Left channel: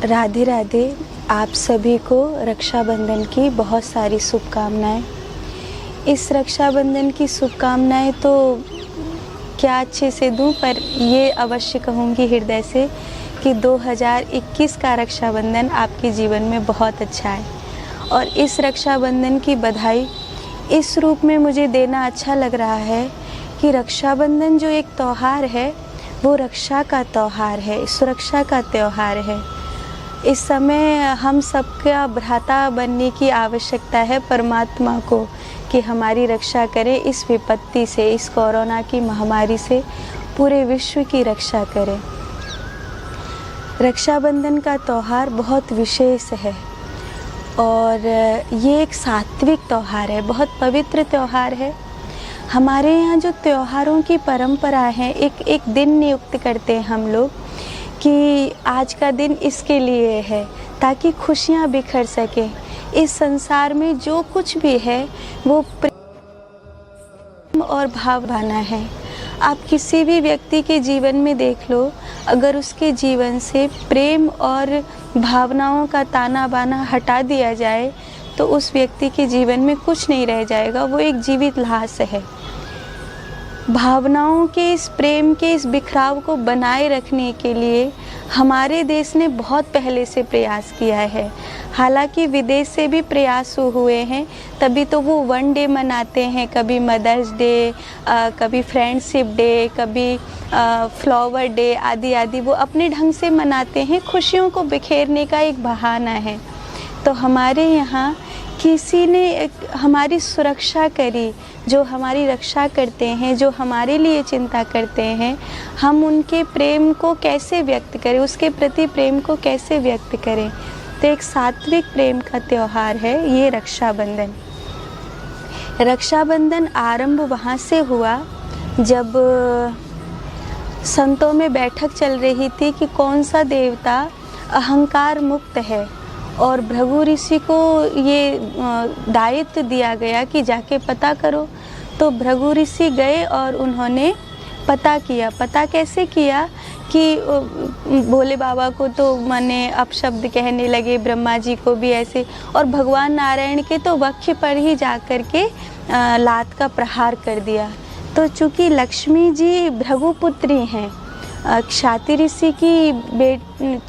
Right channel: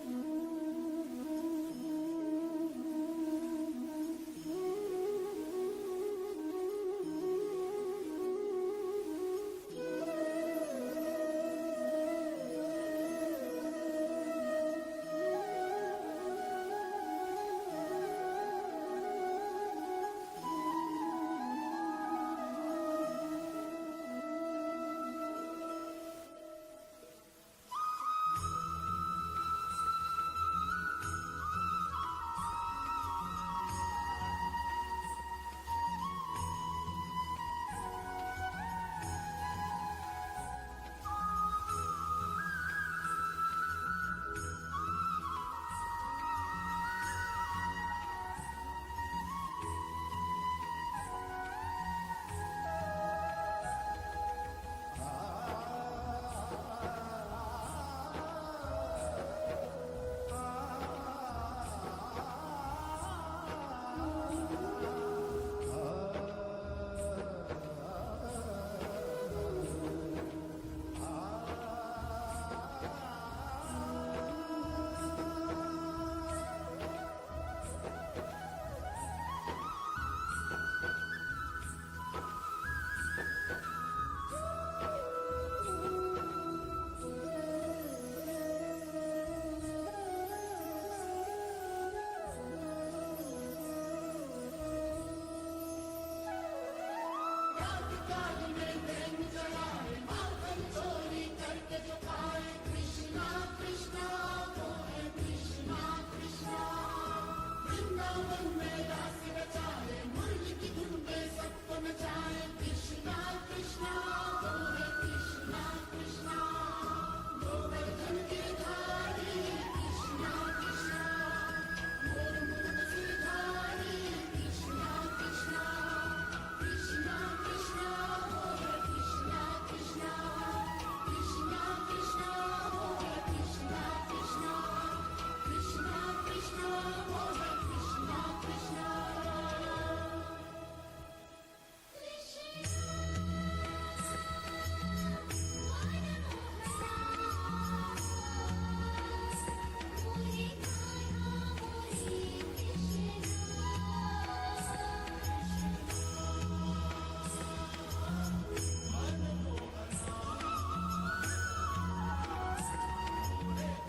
राधे राधे। आप सभी को रक्षाबंधन की बहुत सारी शुभकामनाएं। इस रक्षाबंधन की शुभकामनाएं तो क्या अच्छे से दूं, पर ये अवश्य कहूँगी हृदय से कि 2021 का रक्षाबंधन आपके जीवन में बहुत अच्छा है। और इस रक्षाबंधन की बधाई इस रूप में मुझे देना अच्छा लग रहा है कि रक्षाबंधन जो एक त्यौहार है वो रक्षा का त्यौहार है, सुरक्षा का त्यौहार है। इस समय हम सबका भ्राता बनने की आवश्यकता है परमात्मा को कि हमारी रक्षा करे इस विपत्ति से, इस कोरोना की महामारी से पूरे विश्व की रक्षा करे। रक्षाबंधन का त्यौहार बहुत विशेष है और ये एक सात्विक त्यौहार है, बहुत पवित्र त्यौहार है। हमारे यहाँ जो त्योहारों की परंपरा है, एक दिन नियुक्त करते हैं हम लोग कि आज का दिन इसके लिए है ताकि खुशियाँ बिखर सके। इस संसार में जो कुछ भी है वो प्रेम और भावना है। आप किसी भी व्यक्ति के जीवन में देख लो, अगर उसके जीवन से प्रेम और भावनाओं का ताना बाना हटा दिया जाए तो उस व्यक्ति के जीवन में कुछ नहीं रह जाएगा, वो एक जीवित लाश है। भावनाओं के, इस प्रेम के, इस बिखराव को बनाए रखने के लिए हमारे देश ने बहुत पहले से प्रयास किया है। हालांकि विदेश से भी प्रयास हुए हैं, तभी तो वो वन डे मनाते हैं, कभी मदर्स डे, कभी फ्रेंडशिप डे, कभी फ्लावर डे आदि आदि। वो अपने ढंग से मनाते हैं, खुशियों को बिखेरने का एक बहाना है। तो हमारे यहाँ किसी ने हमारी सुरक्षा करी, जो हमारी रक्षा करते हैं, जो हमारे लिए चिंता करते हैं, हम उनके प्रेम को कैसे व्यक्त करें, उसके प्रति प्रेम को कैसे व्यक्त करें। तो एक सात्विक प्रेम का त्यौहार है ये रक्षाबंधन। रक्षाबंधन आरंभ वहाँ से हुआ जब संतों में बैठक चल रही थी कि कौन सा देवता अहंकार मुक्त है, और भृगु ऋषि को ये दायित्व दिया गया कि जाके पता करो। तो भृगु ऋषि गए और उन्होंने पता किया। पता कैसे किया कि भोले बाबा को तो माने अपशब्द कहने लगे, ब्रह्मा जी को भी ऐसे, और भगवान नारायण के तो वक्ष पर ही जाकर के लात का प्रहार कर दिया। तो चूँकि लक्ष्मी जी भृगु पुत्री हैं, ख्याति ऋषि की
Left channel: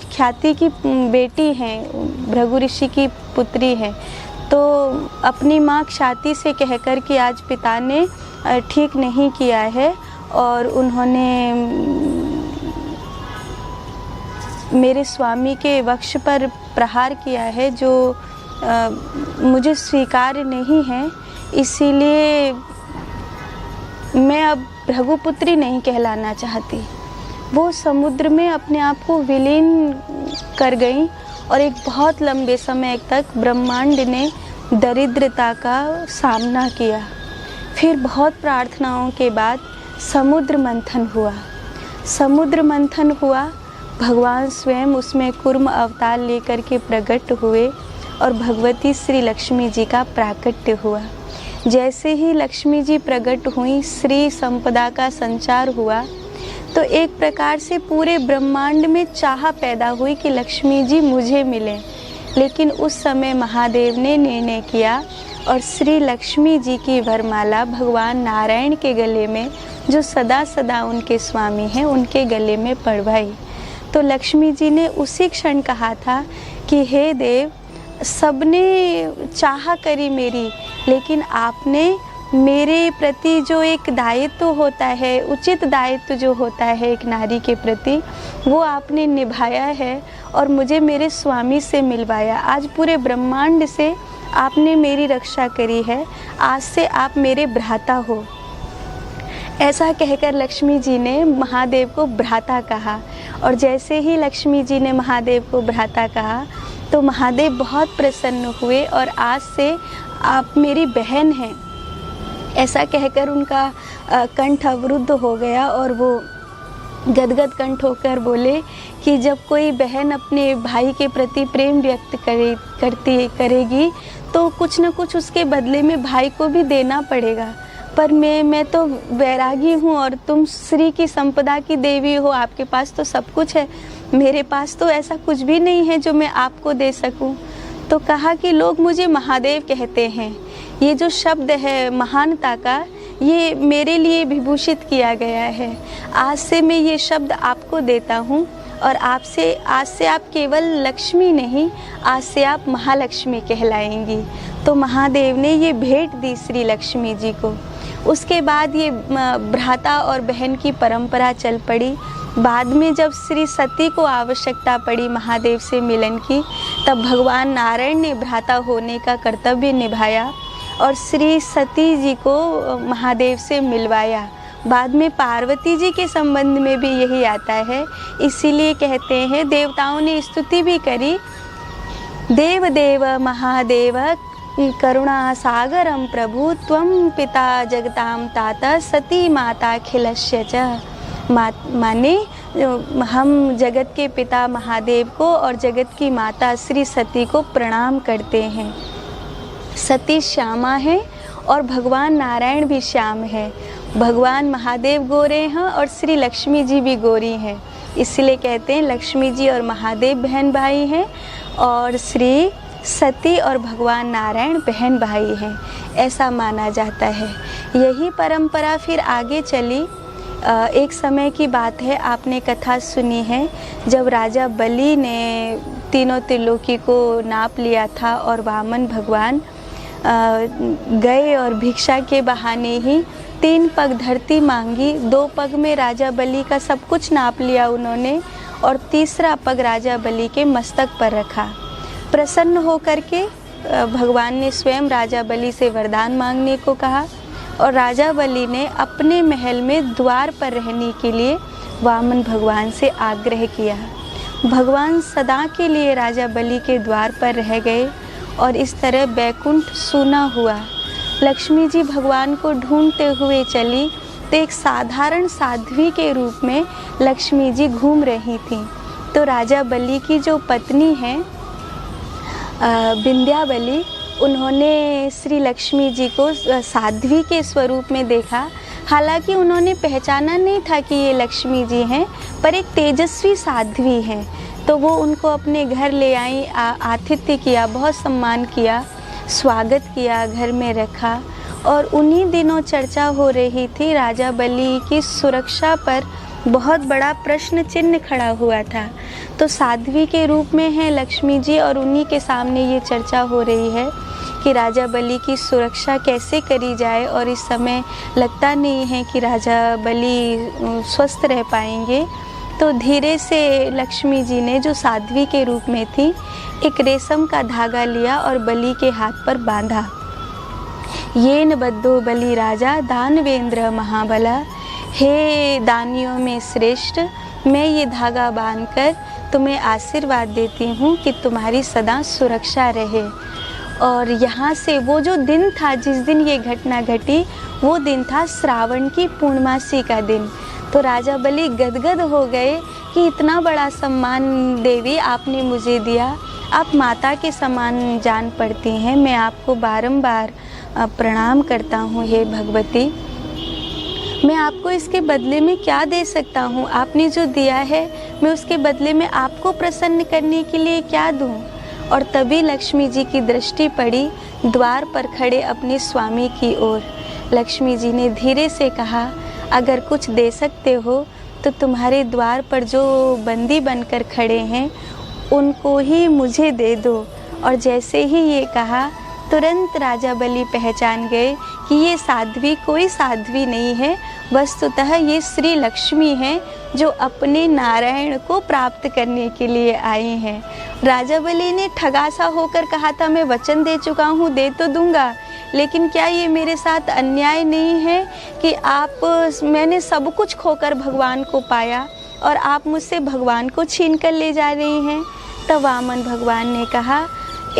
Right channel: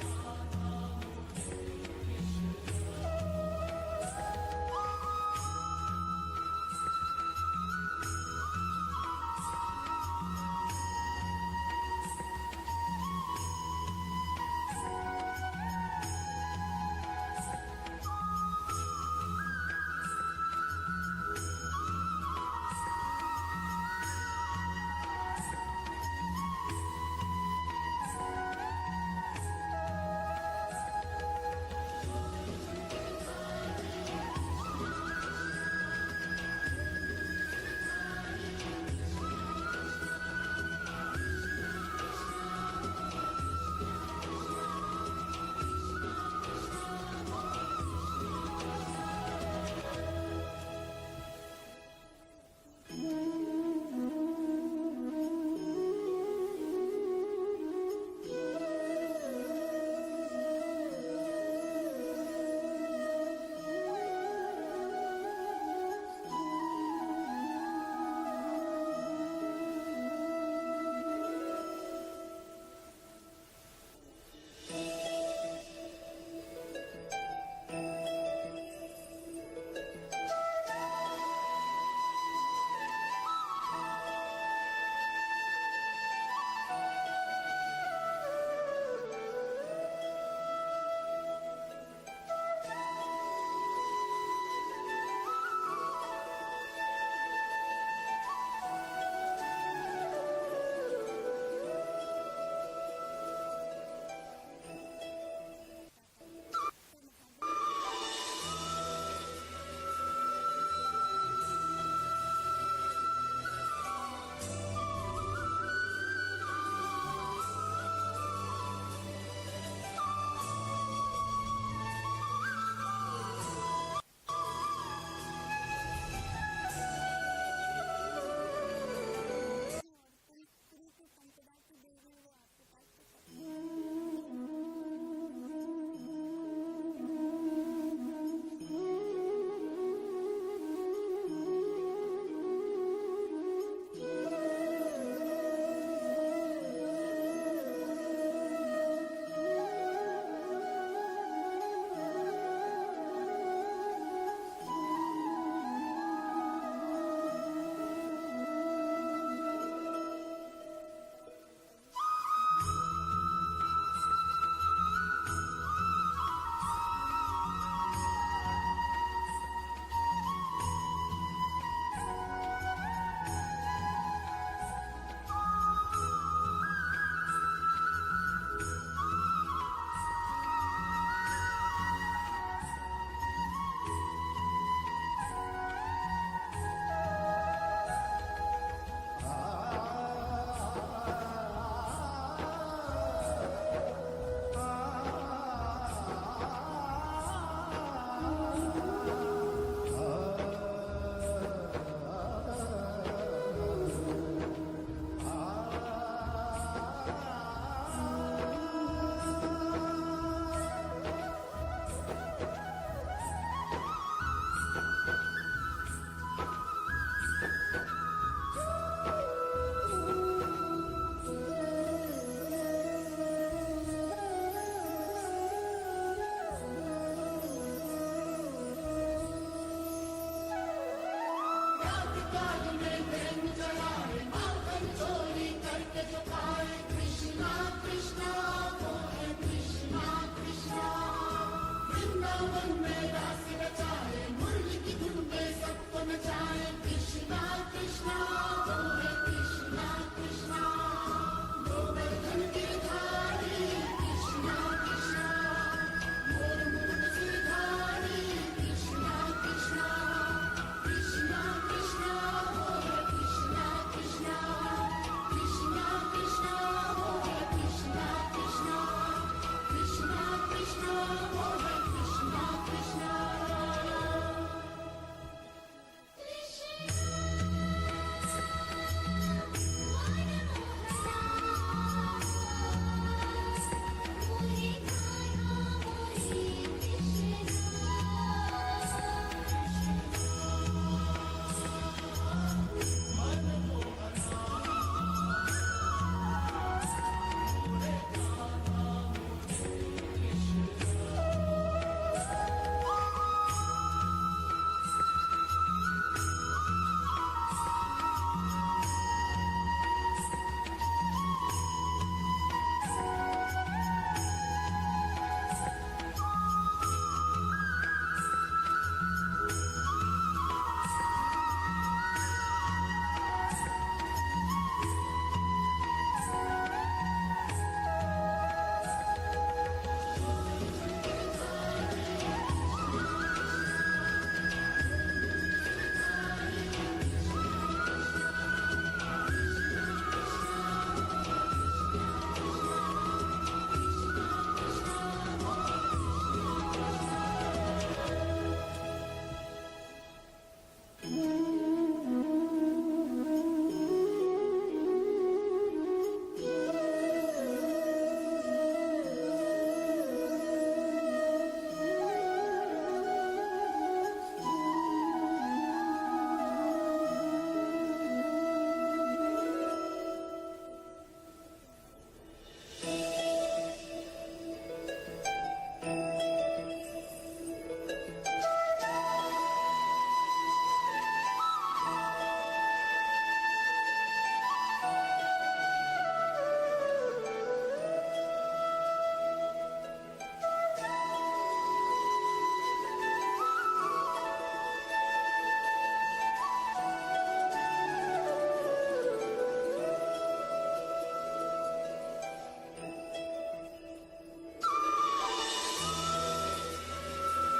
ख्याति की बेटी हैं, भृगु ऋषि की पुत्री हैं, तो अपनी माँ ख्याति से कहकर कि आज पिता ने ठीक नहीं किया है और उन्होंने मेरे स्वामी के वक्ष पर प्रहार किया है जो मुझे स्वीकार्य नहीं है, इसीलिए मैं अब भृगुपुत्री नहीं कहलाना चाहती। वो समुद्र में अपने आप को विलीन कर गई और एक बहुत लंबे समय तक ब्रह्मांड ने दरिद्रता का सामना किया। फिर बहुत प्रार्थनाओं के बाद समुद्र मंथन हुआ। समुद्र मंथन हुआ, भगवान स्वयं उसमें कूर्म अवतार लेकर के प्रकट हुए और भगवती श्री लक्ष्मी जी का प्राकट्य हुआ। जैसे ही लक्ष्मी जी प्रकट हुई, श्री संपदा का संचार हुआ, तो एक प्रकार से पूरे ब्रह्मांड में चाह पैदा हुई कि लक्ष्मी जी मुझे मिले। लेकिन उस समय महादेव ने निर्णय किया और श्री लक्ष्मी जी की वरमाला भगवान नारायण के गले में, जो सदा सदा उनके स्वामी हैं, उनके गले में पड़वाई। तो लक्ष्मी जी ने उसी क्षण कहा था कि हे देव, सबने चाह करी मेरी, लेकिन आपने मेरे प्रति जो एक दायित्व होता है, उचित दायित्व जो होता है एक नारी के प्रति, वो आपने निभाया है और मुझे मेरे स्वामी से मिलवाया। आज पूरे ब्रह्मांड से आपने मेरी रक्षा करी है, आज से आप मेरे भ्राता हो। ऐसा कहकर लक्ष्मी जी ने महादेव को भ्राता कहा, और जैसे ही लक्ष्मी जी ने महादेव को भ्राता कहा तो महादेव बहुत प्रसन्न हुए और आज से आप मेरी बहन हैं, ऐसा कहकर उनका कंठ अवरुद्ध हो गया और वो गदगद कंठ होकर बोले कि जब कोई बहन अपने भाई के प्रति प्रेम व्यक्त करेगी तो कुछ न कुछ उसके बदले में भाई को भी देना पड़ेगा। पर मैं तो वैरागी हूँ और तुम श्री की संपदा की देवी हो, आपके पास तो सब कुछ है, मेरे पास तो ऐसा कुछ भी नहीं है जो मैं आपको दे सकूं। तो कहा कि लोग मुझे महादेव कहते हैं, ये जो शब्द है महानता का, ये मेरे लिए विभूषित किया गया है। आज से मैं ये शब्द आपको देता हूँ और आज से आप केवल लक्ष्मी नहीं, आज से आप महालक्ष्मी कहलाएंगी। तो महादेव ने ये भेंट दी श्री लक्ष्मी जी को। उसके बाद ये भ्राता और बहन की परंपरा चल पड़ी। बाद में जब श्री सती को आवश्यकता पड़ी महादेव से मिलन की, तब भगवान नारायण ने भ्राता होने का कर्तव्य निभाया और श्री सती जी को महादेव से मिलवाया। बाद में पार्वती जी के संबंध में भी यही आता है, इसीलिए कहते हैं, देवताओं ने स्तुति भी करी, देव देव महादेव करुणा सागरम प्रभु त्वं पिता जगताम ताता सती माता खिलस्य च। माने हम जगत के पिता महादेव को और जगत की माता श्री सती को प्रणाम करते हैं। सती श्यामा है और भगवान नारायण भी श्याम है। भगवान महादेव गोरे हैं और श्री लक्ष्मी जी भी गोरी हैं, इसलिए कहते हैं लक्ष्मी जी और महादेव बहन भाई हैं और श्री सती और भगवान नारायण बहन भाई हैं, ऐसा माना जाता है। यही परंपरा फिर आगे चली। एक समय की बात है, आपने कथा सुनी है, जब राजा बलि ने तीनों त्रिलोकी को नाप लिया था और वामन भगवान गए और भिक्षा के बहाने ही 3 पग धरती मांगी। 2 पग में राजा बलि का सब कुछ नाप लिया उन्होंने और तीसरा पग राजा बलि के मस्तक पर रखा। प्रसन्न होकर के भगवान ने स्वयं राजा बलि से वरदान मांगने को कहा और राजा बलि ने अपने महल में द्वार पर रहने के लिए वामन भगवान से आग्रह किया। भगवान सदा के लिए राजा बलि के द्वार पर रह गए और इस तरह बैकुंठ सूना हुआ। लक्ष्मी जी भगवान को ढूंढते हुए चली तो एक साधारण साध्वी के रूप में लक्ष्मी जी घूम रही थीं। तो राजा बलि की जो पत्नी है विंध्याबली, उन्होंने श्री लक्ष्मी जी को साध्वी के स्वरूप में देखा। हालांकि उन्होंने पहचाना नहीं था कि ये लक्ष्मी जी हैं, पर एक तेजस्वी साध्वी हैं। तो वो उनको अपने घर ले आई, आतिथ्य किया, बहुत सम्मान किया, स्वागत किया, घर में रखा। और उन्हीं दिनों चर्चा हो रही थी, राजा बलि की सुरक्षा पर बहुत बड़ा प्रश्न चिन्ह खड़ा हुआ था। तो साध्वी के रूप में है लक्ष्मी जी और उन्हीं के सामने ये चर्चा हो रही है कि राजा बलि की सुरक्षा कैसे करी जाए। और इस समय लगता नहीं है कि राजा बलि स्वस्थ रह पाएंगे। तो धीरे से लक्ष्मी जी ने, जो साध्वी के रूप में थी, एक रेशम का धागा लिया और बलि के हाथ पर बांधा। येन बद्धो बलि राजा दानवेंद्र महाबला, हे दानियों में श्रेष्ठ, मैं ये धागा बांधकर तुम्हें आशीर्वाद देती हूँ कि तुम्हारी सदा सुरक्षा रहे। और यहाँ से वो जो दिन था जिस दिन ये घटना घटी, वो दिन था श्रावण की पूर्णमासी का दिन। तो राजा बलि गदगद हो गए कि इतना बड़ा सम्मान देवी आपने मुझे दिया, आप माता के समान जान पड़ती हैं, मैं आपको बारंबार प्रणाम करता हूँ हे भगवती। मैं आपको इसके बदले में क्या दे सकता हूँ? आपने जो दिया है मैं उसके बदले में आपको प्रसन्न करने के लिए क्या दूँ? और तभी लक्ष्मी जी की दृष्टि पड़ी द्वार पर खड़े अपने स्वामी की ओर। लक्ष्मी जी ने धीरे से कहा, अगर कुछ दे सकते हो तो तुम्हारे द्वार पर जो बंदी बनकर खड़े हैं उनको ही मुझे दे दो। और जैसे ही ये कहा, तुरंत राजा बलि पहचान गए कि ये साध्वी कोई साध्वी नहीं है, वस्तुतः ये श्री लक्ष्मी हैं जो अपने नारायण को प्राप्त करने के लिए आई हैं। राजा बलि ने ठगासा होकर कहा था, मैं वचन दे चुका हूँ, दे तो दूंगा, लेकिन क्या ये मेरे साथ अन्याय नहीं है कि मैंने सब कुछ खोकर भगवान को पाया और आप मुझसे भगवान को छीन कर ले जा रही हैं? तब वामन भगवान ने कहा,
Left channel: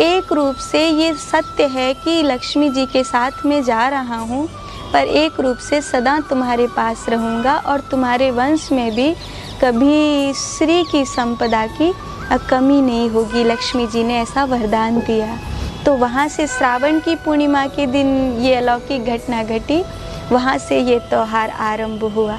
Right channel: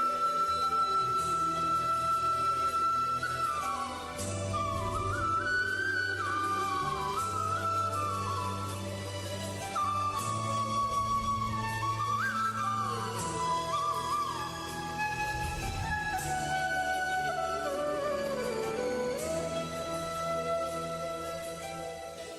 एक रूप से ये सत्य है कि लक्ष्मी जी के साथ मैं जा रहा हूँ, पर एक रूप से सदा तुम्हारे पास रहूँगा और तुम्हारे वंश में भी कभी श्री की संपदा की कमी नहीं होगी। लक्ष्मी जी ने ऐसा वरदान दिया। तो वहाँ से श्रावण की पूर्णिमा के दिन ये अलौकिक घटना घटी। वहाँ से ये त्यौहार आरंभ हुआ।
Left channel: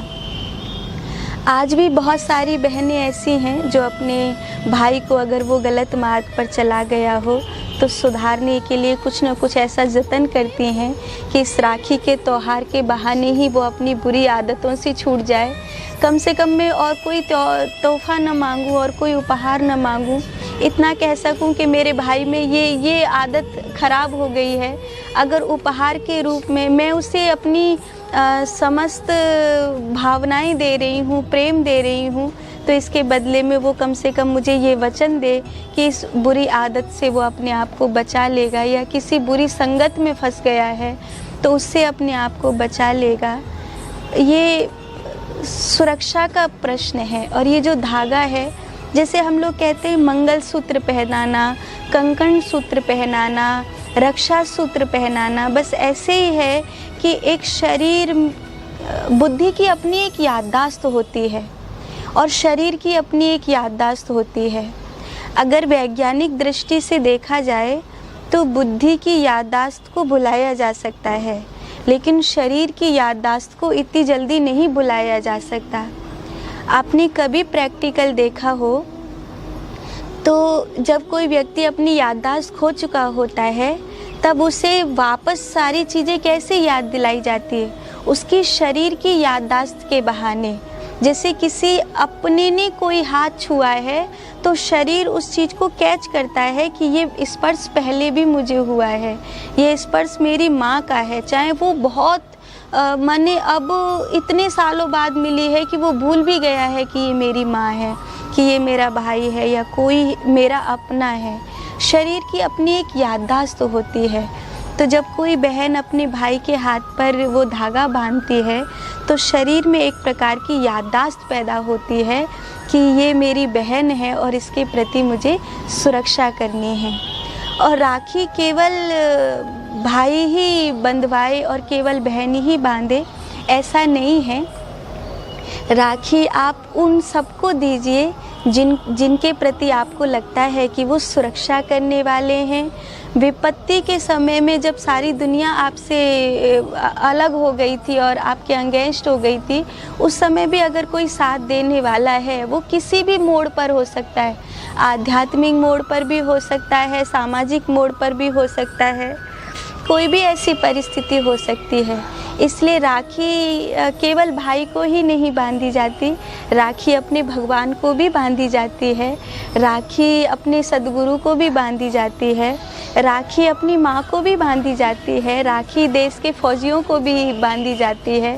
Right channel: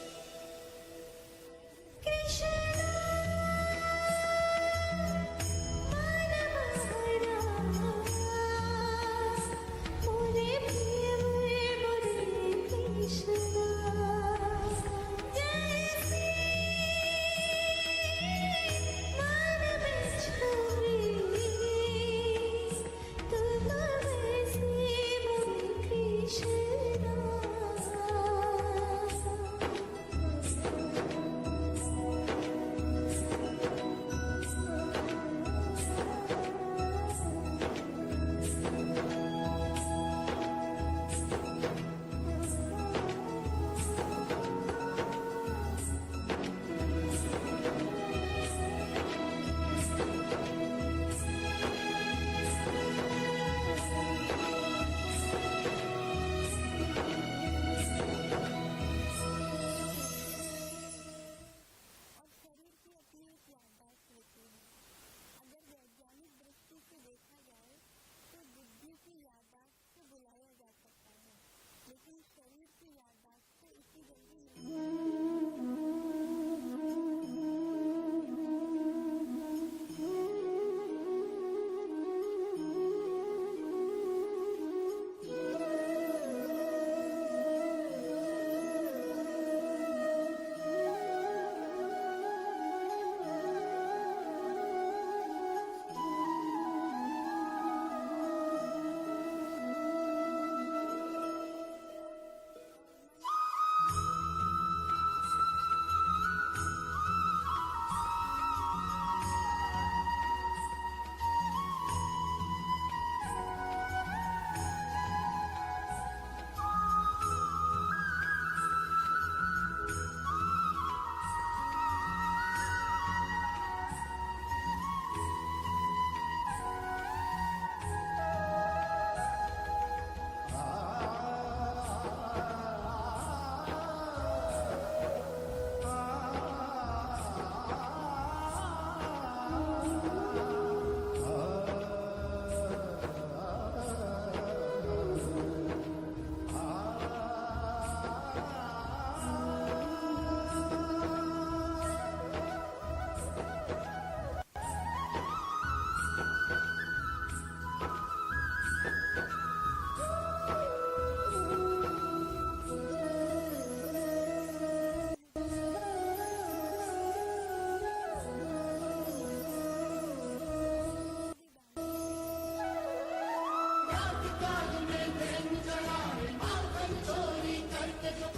आज भी बहुत सारी बहनें ऐसी हैं जो अपने भाई को अगर वो गलत मार्ग पर चला गया हो तो सुधारने के लिए कुछ न कुछ ऐसा जतन करती हैं कि इस राखी के त्यौहार के बहाने ही वो अपनी बुरी आदतों से छूट जाए। कम से कम मैं और कोई तोहफ़ा न मांगूँ और कोई उपहार न मांगूँ, इतना कह सकूँ कि मेरे भाई में ये आदत ख़राब हो गई है। अगर उपहार के रूप में मैं उसे अपनी समस्त भावनाएं दे रही हूँ, प्रेम दे रही हूँ, तो इसके बदले में वो कम से कम मुझे ये वचन दे कि इस बुरी आदत से वो अपने आप को बचा लेगा, या किसी बुरी संगत में फंस गया है तो उससे अपने आप को बचा लेगा। ये सुरक्षा का प्रश्न है। और ये जो धागा है, जैसे हम लोग कहते हैं मंगलसूत्र पहनाना, कंकण सूत्र पहनाना, रक्षा सूत्र पहनाना, बस ऐसे ही है कि एक शरीर, बुद्धि की अपनी एक याददाश्त होती है और शरीर की अपनी एक याददाश्त होती है। अगर वैज्ञानिक दृष्टि से देखा जाए तो बुद्धि की याददाश्त को भुलाया जा सकता है, लेकिन शरीर की याददाश्त को इतनी जल्दी नहीं भुलाया जा सकता। आपने कभी प्रैक्टिकल देखा हो तो जब कोई व्यक्ति अपनी याददाश्त खो चुका होता है तब उसे वापस सारी चीज़ें कैसे याद दिलाई जाती है? उसकी शरीर की याददाश्त के बहाने। जैसे किसी अपने ने कोई हाथ छुआ है तो शरीर उस चीज़ को कैच करता है कि ये स्पर्श पहले भी मुझे हुआ है, ये स्पर्श मेरी माँ का है, चाहे वो बहुत माने अब इतने सालों बाद मिली है कि वो भूल भी गया है कि ये मेरी माँ है, कि ये मेरा भाई है या कोई मेरा अपना है। शरीर की अपनी एक याददाश्त होती है। तो जब कोई बहन अपने भाई के हाथ पर वो धागा बांधती है तो शरीर में एक प्रकार की याददाश्त पैदा होती है कि ये मेरी बहन है और इसके प्रति मुझे सुरक्षा करनी है। और राखी केवल भाई ही बंधवाए और केवल बहन ही बांधे, ऐसा नहीं है। राखी आप उन सबको दीजिए जिनके प्रति आपको लगता है कि वो सुरक्षा करने वाले हैं। विपत्ति के समय में जब सारी दुनिया आपसे अलग हो गई थी और आपके अगेंस्ट हो गई थी, उस समय भी अगर कोई साथ देने वाला है, वो किसी भी मोड़ पर हो सकता है, आध्यात्मिक मोड़ पर भी हो सकता है, सामाजिक मोड़ पर भी हो सकता है, कोई भी ऐसी परिस्थिति हो सकती है। इसलिए राखी केवल भाई को ही नहीं बांधी जाती, राखी अपने भगवान को भी बांधी जाती है, राखी अपने सद्गुरु को भी बांधी जाती है, राखी अपनी माँ को भी बांधी जाती है, राखी देश के फौजियों को भी बांधी जाती है,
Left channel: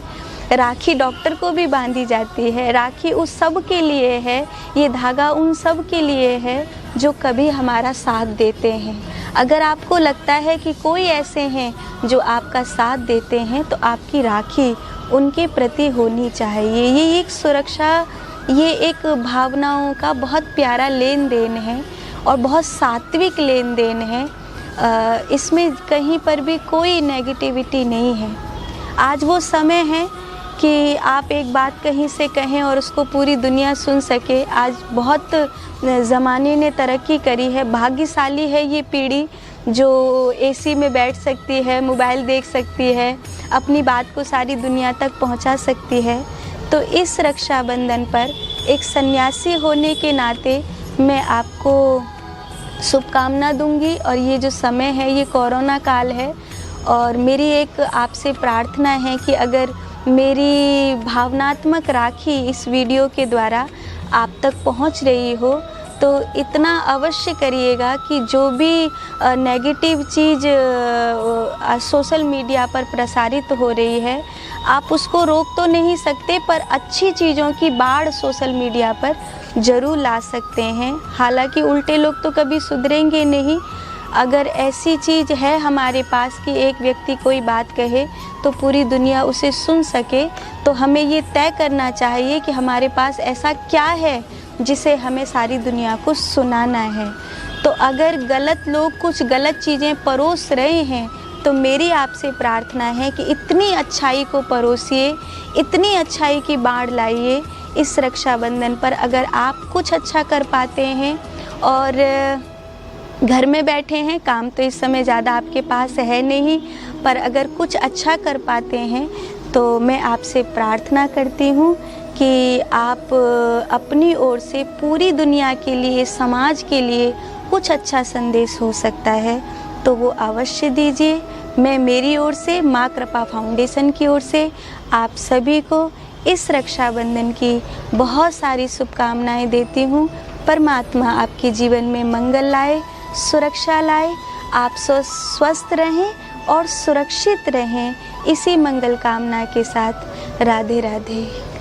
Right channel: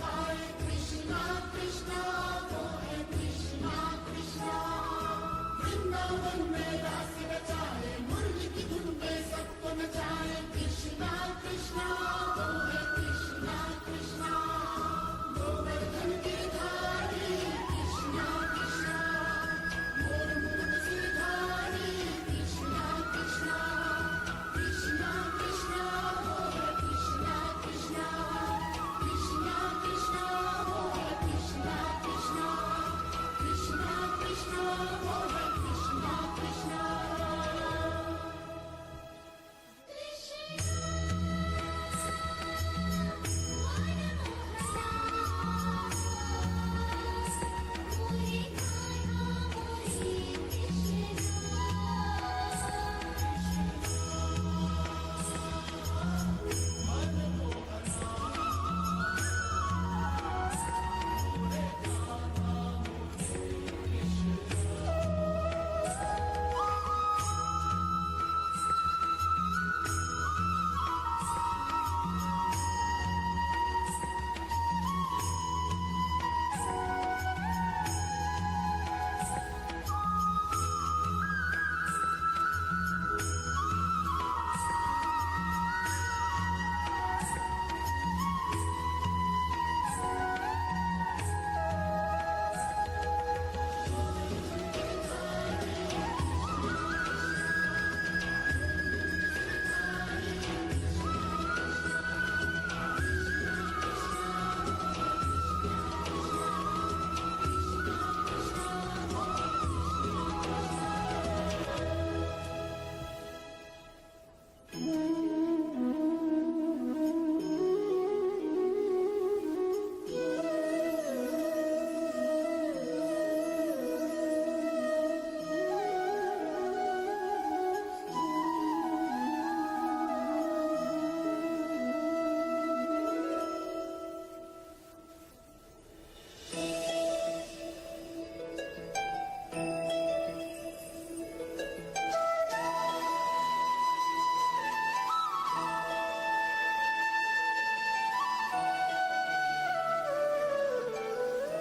राखी डॉक्टर को भी बांधी जाती है। राखी उस सब के लिए है, ये धागा उन सब के लिए है जो कभी हमारा साथ देते हैं। अगर आपको लगता है कि कोई ऐसे हैं जो आपका साथ देते हैं तो आपकी राखी उनके प्रति होनी चाहिए। ये एक सुरक्षा, ये एक भावनाओं का बहुत प्यारा लेन देन है और बहुत सात्विक लेन देन है। इसमें कहीं पर भी कोई नेगेटिविटी नहीं है। आज वो समय है कि आप एक बात कहीं से कहें और उसको पूरी दुनिया सुन सके। आज बहुत ज़माने ने तरक्की करी है, भाग्यशाली है ये पीढ़ी जो एसी में बैठ सकती है, मोबाइल देख सकती है, अपनी बात को सारी दुनिया तक पहुंचा सकती है। तो इस रक्षाबंधन पर एक सन्यासी होने के नाते मैं आपको शुभकामना दूंगी। और ये जो समय है ये कोरोना काल है और मेरी एक आपसे प्रार्थना है कि अगर मेरी भावनात्मक राखी इस वीडियो के द्वारा आप तक पहुंच रही हो तो इतना अवश्य करिएगा कि जो भी नेगेटिव चीज़ सोशल मीडिया पर प्रसारित हो रही है, आप उसको रोक तो नहीं सकते, पर अच्छी चीज़ों की बाढ़ सोशल मीडिया पर ज़रूर ला सकते हैं। हालांकि उल्टे लोग तो कभी सुधरेंगे नहीं। अगर ऐसी चीज़ है हमारे पास कि एक व्यक्ति कोई बात कहे तो पूरी दुनिया उसे सुन सके, तो हमें ये तय करना चाहिए कि हमारे पास ऐसा क्या है जिसे हमें सारी दुनिया को सुनाना है। तो अगर गलत लोग कुछ गलत चीज़ें परोस रहे हैं तो मेरी आपसे प्रार्थना है कि इतनी अच्छाई को परोसिए, इतनी अच्छाई की बाढ़ लाइए इस रक्षाबंधन पर। अगर आप कुछ अच्छा कर पाते हैं और घर में बैठे हैं, काम तो इस समय ज़्यादा आपके पास है नहीं, पर अगर कुछ अच्छा कर पाते हैं तो मैं आपसे प्रार्थना करती हूँ कि आप अपनी ओर से पूरी दुनिया के लिए, समाज के लिए कुछ अच्छा संदेश हो सकता है तो वो अवश्य दीजिए। मैं मेरी ओर से, माँ कृपा फाउंडेशन की ओर से आप सभी को इस रक्षाबंधन की बहुत सारी शुभकामनाएं देती हूँ। परमात्मा आपके जीवन में मंगल लाए, सुरक्षा लाए, आप स्वस्थ रहें और सुरक्षित रहें। इसी मंगल कामना के साथ राधे राधे।